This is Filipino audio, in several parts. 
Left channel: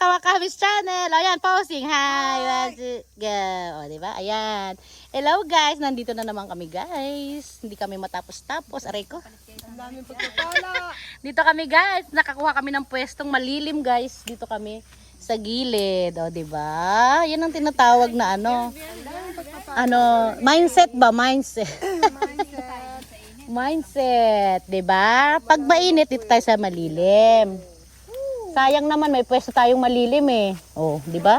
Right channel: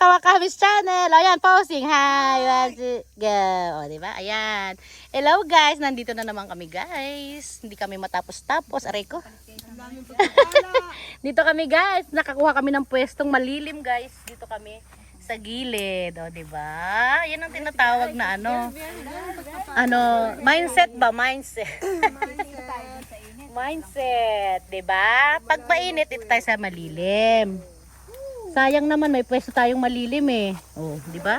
Kawakamis Channel. Ayan, pausing. Hi. Let's go. O, diba? Ayan. Hello guys. Nandito na naman kami guys. Hindi kami matapos-tapos. Aray ko. Dito kami guys. Nakakuha kami ng pwestong malilim guys. Dito kami sa gilid. O, diba? Yan ang tinatawag na mindset ba? Mindset. Mindset. Diba? Pag mainit, dito tayo sa malilim. Sayang naman may pwesto tayong malilim eh. Oh, 'di ba?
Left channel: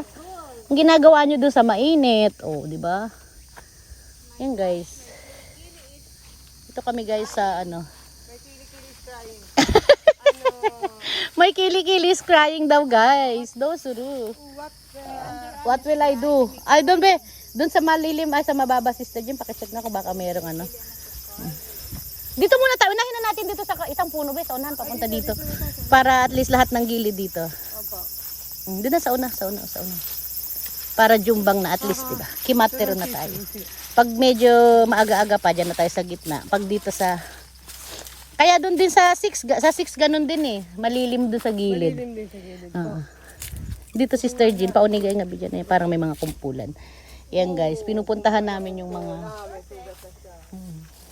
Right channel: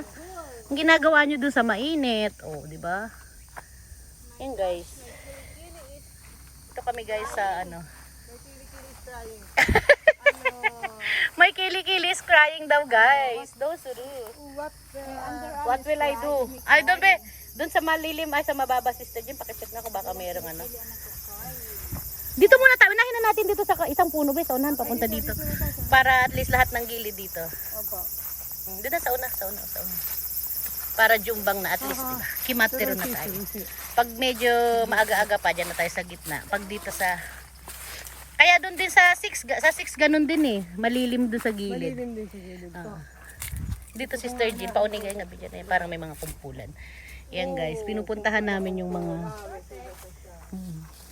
Ang ginagawa niyo doon sa mainit. Oh, 'di ba? Yun guys. Ito kami guys sa May kilikili crying daw guys. Do suru. What will I do? Ay doon be. Doon sa malilim ay sa mababa sister Jim, paki-check na kung baka mayroong Dito muna tayo, unahin na natin dito sa isang puno ba, sa unahan papunta dito. Para at least lahat ng gilid dito. Opo. Doon na sa una. Para jumbang na at least, diba? Kimatero na tayo. Pag medyo maaga-aga pa, dyan na tayo sa gitna. Pag dito sa... Kaya doon din sa 6 ganun din eh. Malilim doon sa gilid. Malilim din sa gilid po. Dito Sister Jean, paunigay nga bigyan eh. Parang may mga kumpulan. Yan guys, pinupuntahan namin yung mga...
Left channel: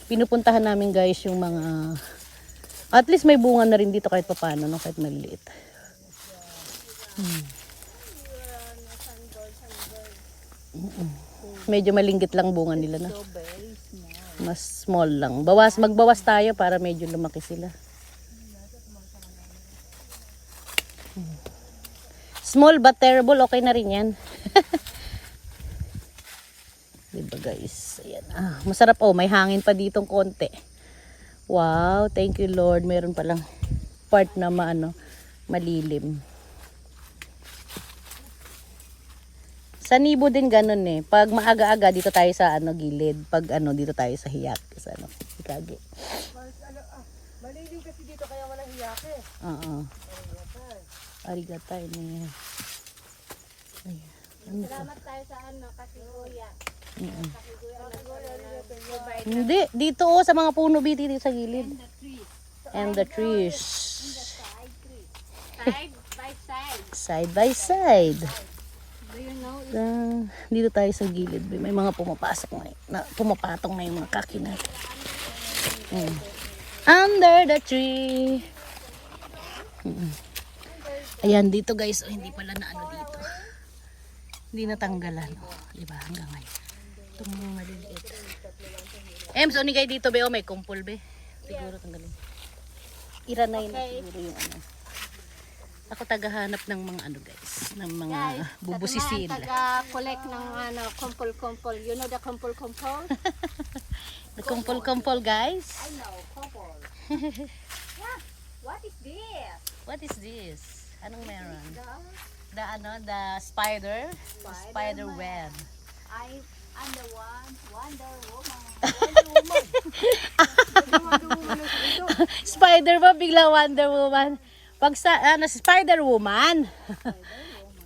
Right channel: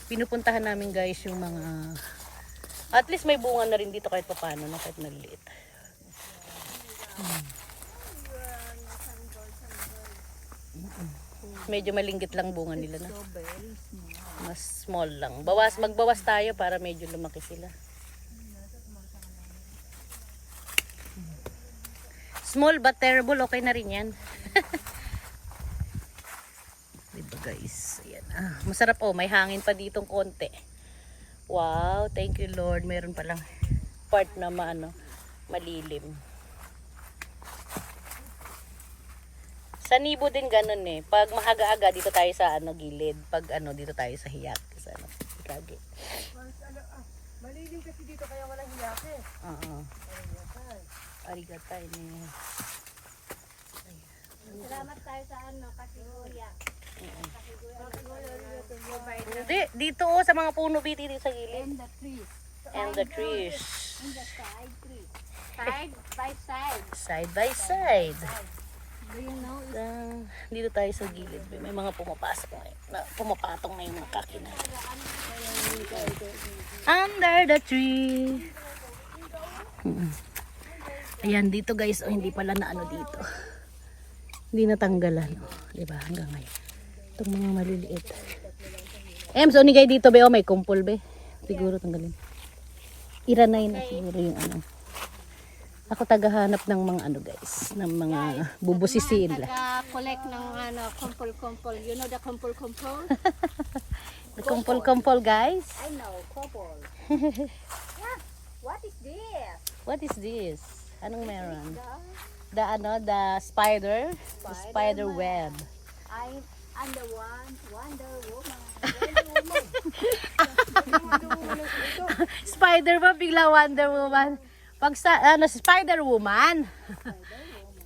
Pinupuntahan namin guys yung mga at least may bunga na rin dito kahit paano no, kahit maliit. Medyo malinggit lang bunga nila na. Mas small lang. Magbawas tayo para medyo lumaki sila. Small but terrible, okay na rin yan. Diba guys, ayan. Masarap may hangin pa ditong konti. Wow, thank you Lord, meron palang part na malilim. Sa Nibo din ganun eh, pag maaga-aga dito tayo sa gilid, pag dito tayo sa hiyak, sa Hikage. Malilim kasi dito kaya walang hiyak eh. Arigatay niya. Salamat tayo sa kasi kuya. Hindi, dito sa mga puno dito sa gilid. And the trees. Side by side. Side by side. Do you know? Dito tayo sa gilid. May mga pumapatong na yung mga kakina. Under the tree. Ayan, dito guys. Hindi pala na dito. Hindi natanggalan. Diba? Hanggang ngayon. Itong mga maliliit. So nigay dito be, may kumpul be. Siguro tanggalin. Iranay na siguro yung Ako tagahanap ng mga guys, ng mga bubusisiin lang. Taga-collect ng kumpul-kumpul. You know the kumpul-kumpul? The kumpul-kumpul guys. I know, kumpul. Yeah. What is this? What is this? Anong meron? The spider? The spider web. I'm the Wonder Woman. Spider ba? Bigla Wonder Woman. Pag Spider Woman.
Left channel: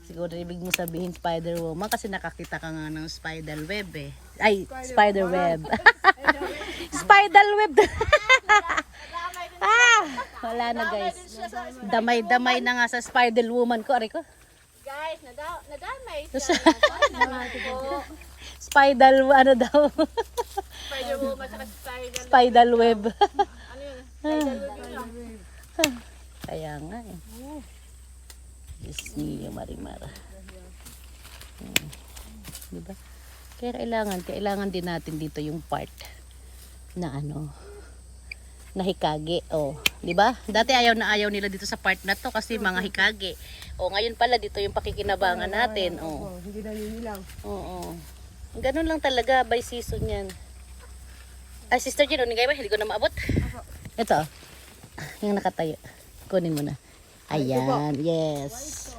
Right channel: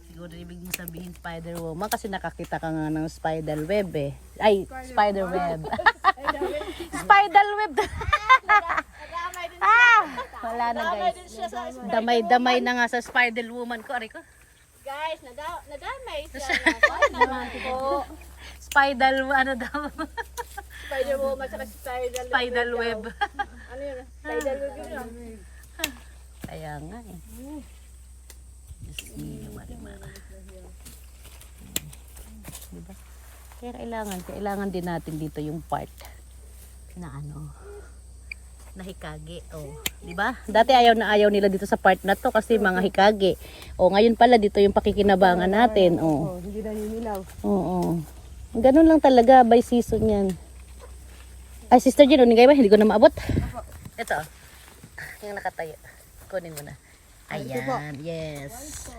Siguro ibig mo sabihin Spider Woman kasi nakakita ka nga ng spider web eh. Ay, spider web. Spider web. Wala na guys. Damay-damay na nga sa Spider Woman ko. Aray ko. Guys, nadamay siya. Spider, daw? Spider Woman sa Spider web. Ano yun? Spider web yun. Kaya nga eh. Diyos niyo, Marimara. Diba? Kaya kailangan din natin dito yung part na na Hikage. Diba? Dati ayaw nila dito sa part na to kasi mga Hikage. Ngayon pala dito yung pakikinabangan natin. Hindi na ninilaw. Ganun lang talaga by season yan. Ay, Sister Jean, unigay ba? Hindi ko na maabot. Ito. Yung nakatayo. Kunin mo na. Ayan. Yes.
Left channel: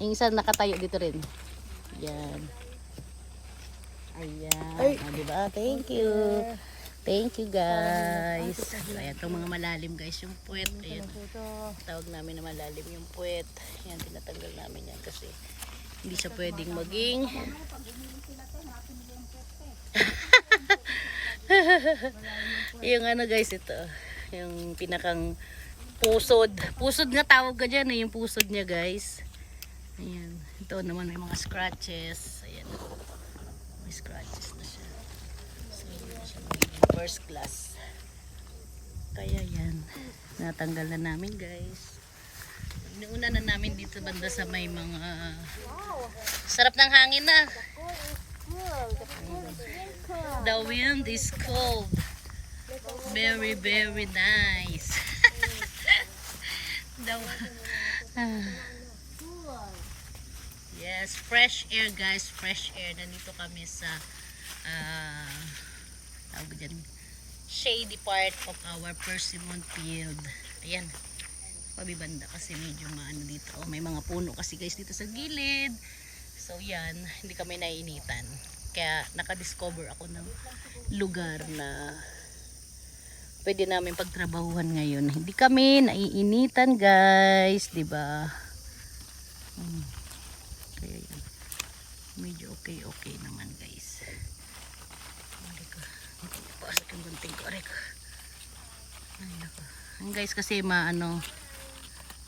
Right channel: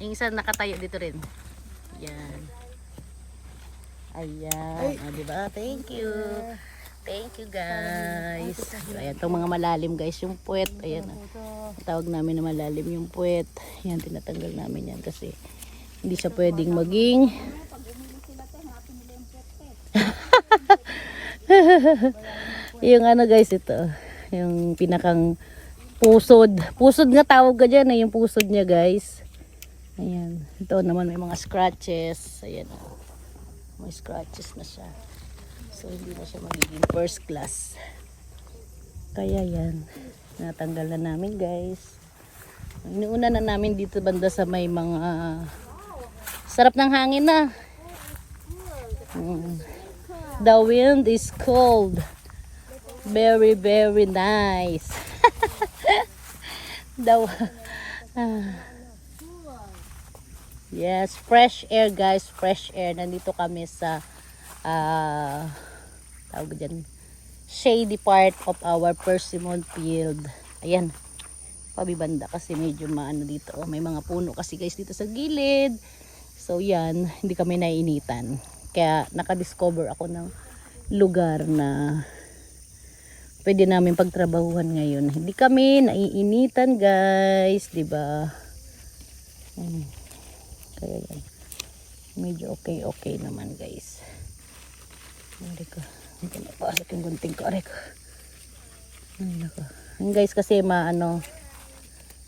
Yung isa nakatayo dito rin. Ayan. Ayan. Diba? Thank you. Thank you guys. Ayan. Itong mga malalim guys. Yung puwet. Ayan. Tawag namin na malalim yung puwet. Ayan. Tinatanggal namin yan kasi hindi siya pwedeng maging yung guys ito. Yung pinakang pusod. Pusod nga tawag ka dyan yung pusod niya guys. Ayan. Ito naman may mga scratches. Ayan. May scratches na siya. So, hindi na siya magiging first class. Kaya yan. Natanggal na namin, guys. Iniuna na namin dito banda sa may mga sarap ng hangin na. The wind is cold. Very, very nice. Yes, fresh air guys, fresh air. Nandito kami sa tawag dyan, shady part of our persimmon field. Ayan, pabibanda kasi medyo maano dito. Oh, may mga puno kasi guys dito sa gilid. So yan, hindi kami naiinitan. Kaya nakadiscover ako ng lugar na pwede namin pagtrabahuhan ngayon. Hindi kami naiinitan guys, 'di ba? Kaya yan. Medyo okay naman guys. Mali ko. Hindi ko napasok yung gunting ko. Aray ko. Ay nako. Ang guys kasi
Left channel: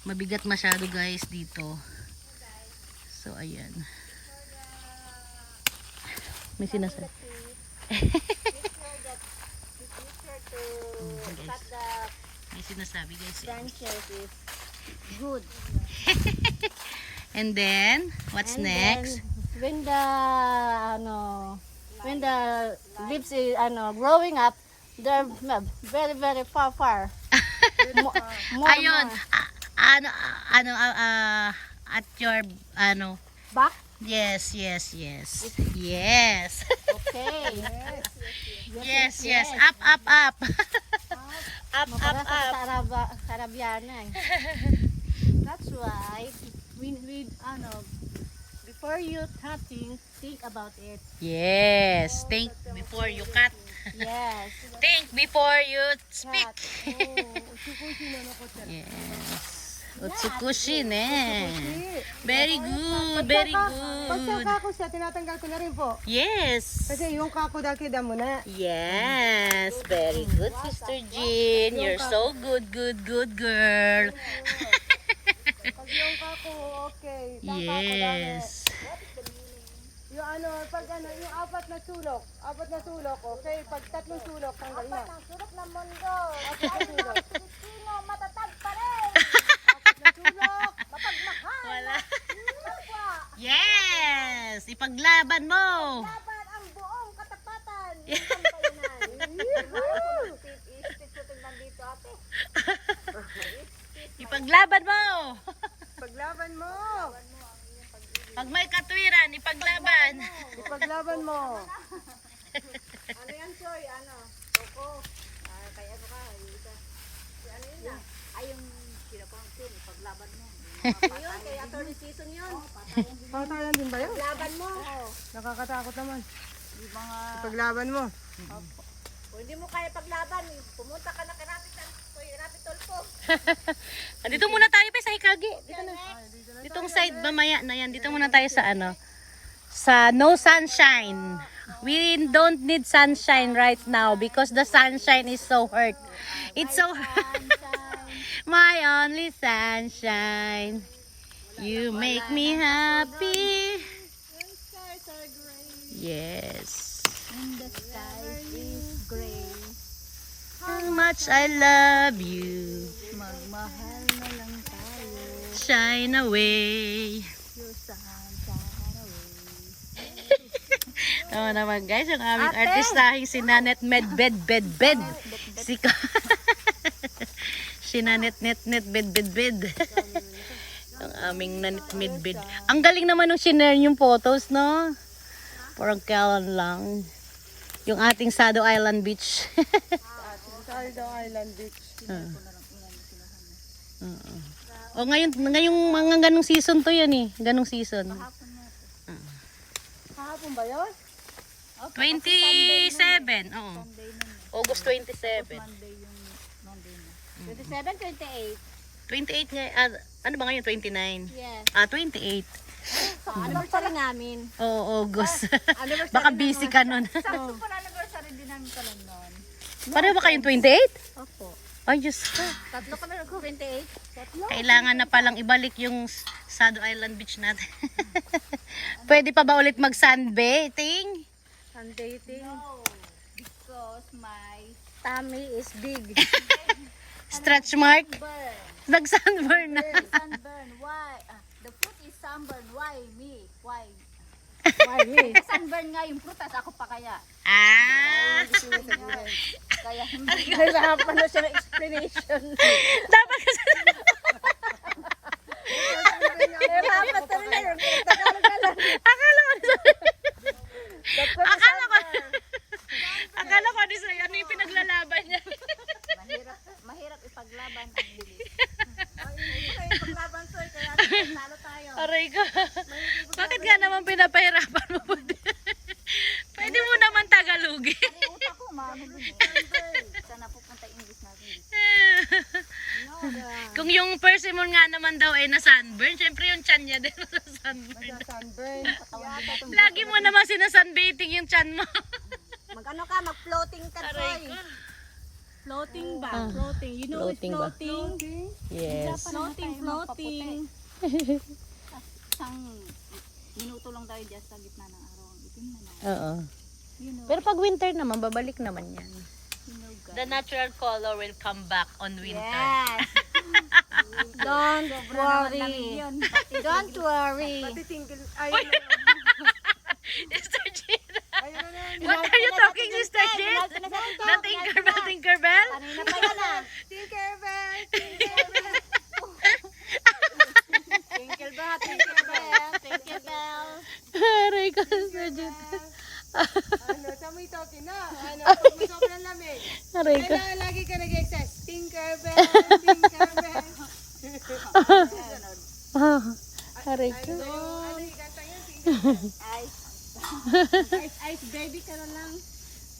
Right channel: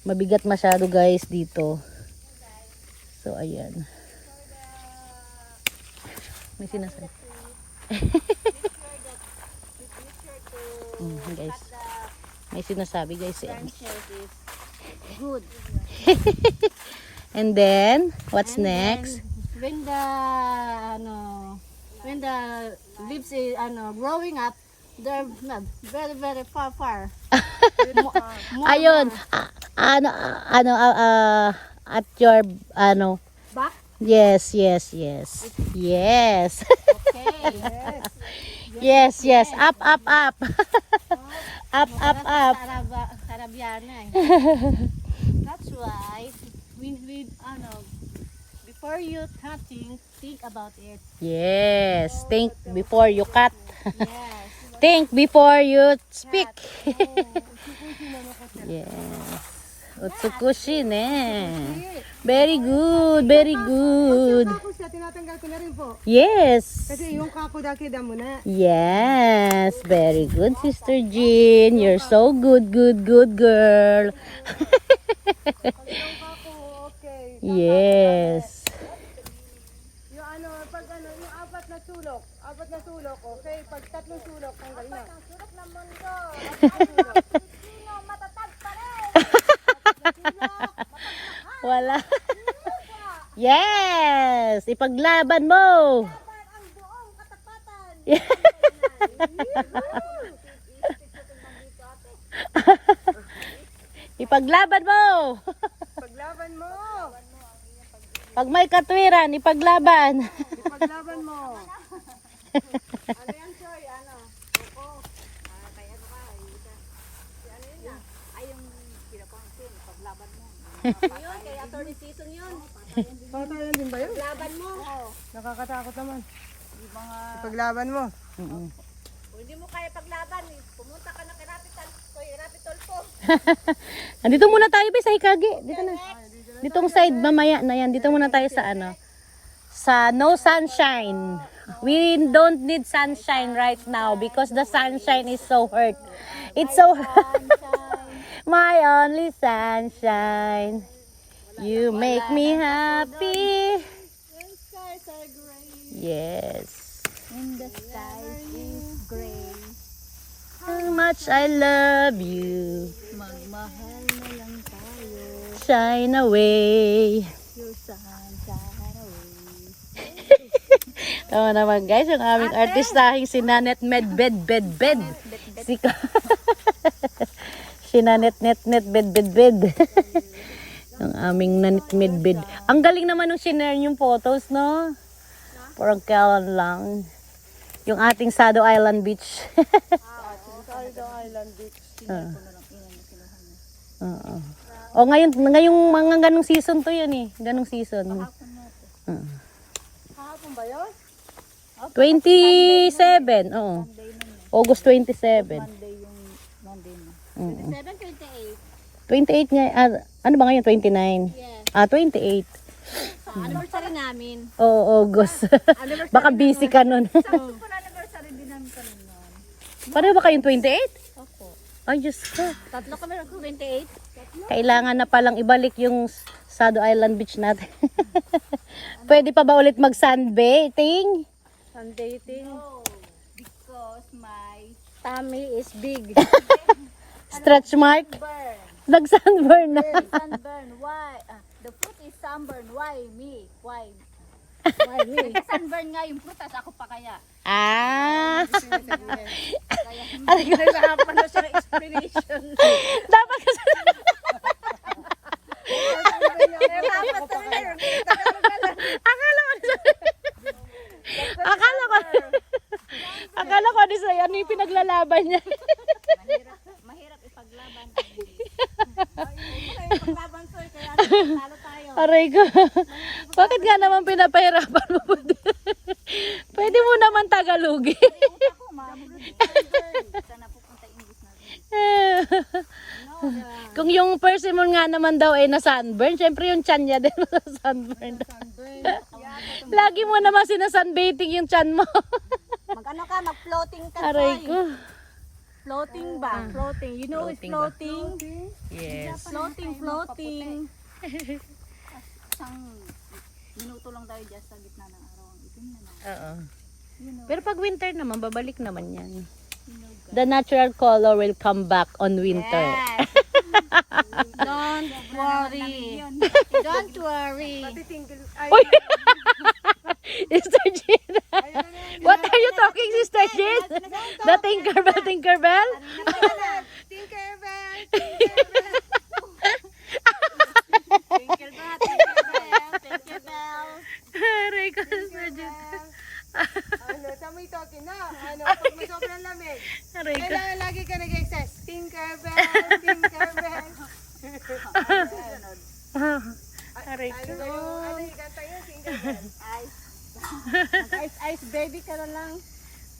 mabigat masyado guys dito. So ayan. May sinasabi. Guys. May sinasabi guys. Good. And then, what's And next? then, when the leaves is growing up, they're very very far. Ayun. At your Back. yes. Yes. Okay. yes. Up. up. Sarabiana. That's why we before you cutting, think about it. Yes. Think before you cut. Yes. Think before you speak. Yes. Utsukushi ne. Very good. Pag kako siya, tinatanggal ko na rin po. Yes. Kasi yung kako dakida mo na. Yes. Very good, Sister Jean. You're so good girl. Okay. Yes. Yung pag yung apat na sulok, okay? Pag tatlong sulok, tanggal na. Wala. Yes. Ipaglaban mo. Ang buong katapatan. Ipaglaban mo. Paglaban mo. Pag may katwiran, ipaglaban. Ipaglaban mo. Ano yan, Choy? Koko. Kay ano ka? Si ano yun na? Ay, yung pinapangkin. Paglaban mo. Yun, kay attorney season yun. Patayan din ba yun? Paglaban mo. Nakakatakot naman. Yung mga... Paglaban mo. Kung hindi mo kaya paglaban, pumunta ka na kay Rapital ko. Andito muna tayo ba sa Hikagi? Dito na. Ditong side mamaya na yan. Dito muna tayo sa sa no sunshine. We don't need sunshine right now because the sunshine is so hurt. It's so my only sunshine. You make me happy. Yes. And the sky is gray. How much I love you. Magmahal na lang tayo. Shine away. Tama naman guys, ang aming artistahing si Nanet Medbed. Si Nanet Bed. Ang aming Nanet Medbed. Ang galing naman nung sinare yung photos, no? Parang kailan lang. Yung ating Sado Island Beach. Sado Island Beach. O ngayong mga ganong season to yun eh. Ganong season. Kahapon ba yun? 27, oo. August 27. 27, 28. 28 nga, ano ba ngayon? 29? Yes. 28. Anniversary namin. Oo, August. Baka busy ka nun. Anniversary din namin pala noon. Pareho ba kayong 28? Opo. Ay, Diyos ko. Tatlo kami nag-28. Kailangan na palang ibalik yung Sado Island Beach natin. Pwede pa ba ulit mag-sunbathing? Sunbathing. No, because my tummy is big. Stretch mark? Nag-sunburn na. Sunburn, why? The fruit is sunburn, why me? Why? Why me? Sunburn nga yung prutas, ako pa kaya. Ah! Kaya hindi. Naghahapan na siya ng explanation. Dapat kasi... Akala ko ni Soy, ano yung pinaglalaban niya? Mahirap ipaglaban ang hindi. Ipaglaban soy, kaya talo tayo. Aray ko. Bakit nga naman pinapahirapan mo? Pwede mo naman Tagalogin. Kasi utak ko, maano dun eh. Sana pupunta English natin. Kung yung persimmon nga naman daw ay na-sunburn, syempre yung tiyan niya din na-sunburn. Sunburn. Lagi mo naman sinasunbathing yung tiyan mo. Mag-ano ka, mag-floating ka. Aray Soy. ko. Floating ba? Floating. You know Floating it's ba? floating? Yes. Floating. Isang minuto lang tayo dyan sa gitna ng araw. Itim na na. Oo. You know, Pero pag winter naman, babalik naman yan. you know God. The natural color will come back on winter. Yes. Don't worry. Don't worry. Pati tingkil. Ay, Sister Jean, ayun na yan. what are you talking, Sister Jean? The Tinkerbell, Tinkerbell? Tinkerbell, Tinkerbell. Tinkerbell, Tinkerbell, Tinkerbell. Aray ko, Sister Jean. Ano, sa may talking na. Ano, pag may sobrang lamig. Aray ko. Kailangan lagi ka nag-exercise. Tinkerbell, Tinkerbell. Aray ko. Ano yung kanta yun, Tinkerbell. Ice baby ka na lang.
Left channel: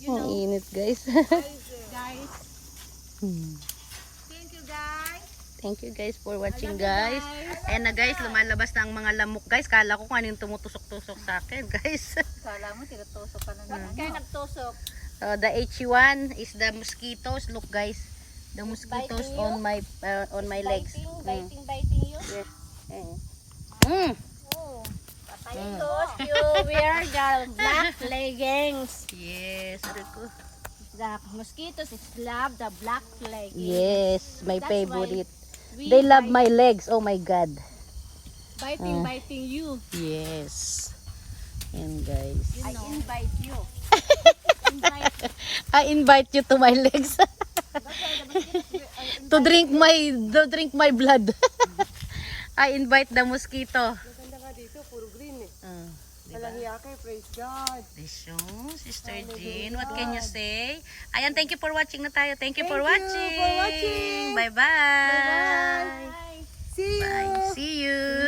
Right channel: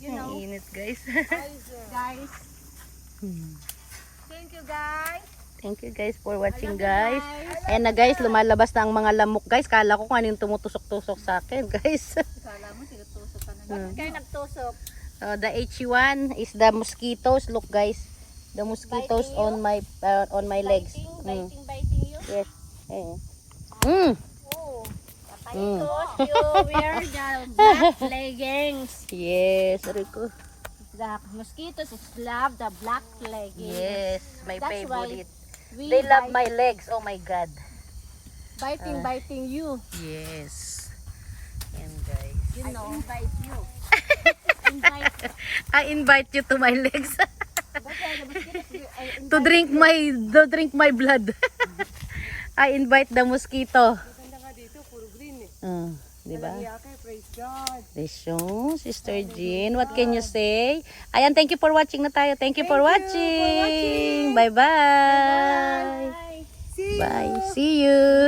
You Ang know. init, guys. Guys. Thank you, guys. Thank you guys for watching, guys. Ayan na guys, lumalabas na ang mga lamok, guys. Kala ko kung ano yung tumutusok-tusok sa akin, guys. Kala mo, tinutusok ka na. Bakit kayo nagtusok? The HE1 is the mosquitoes. Look, guys. The mosquitoes on my legs. Biting you? Yes. Mm. Because you wear the black leggings. Yes. Aray ko. The mosquitoes love the black leggings. Yes. My That's favorite. We They love bite- my legs. Oh my God. biting you. Yes. And guys. You know. I invite you. I invite you to my legs. to drink my blood. I invite the mosquito. Maganda nga dito, puro green eh. Diba? Walang yake, praise God. So, Sister Jean, what can you say? Ayan, thank you for watching na tayo. Thank you for watching. watching. Bye-bye. See you. Bye. See you.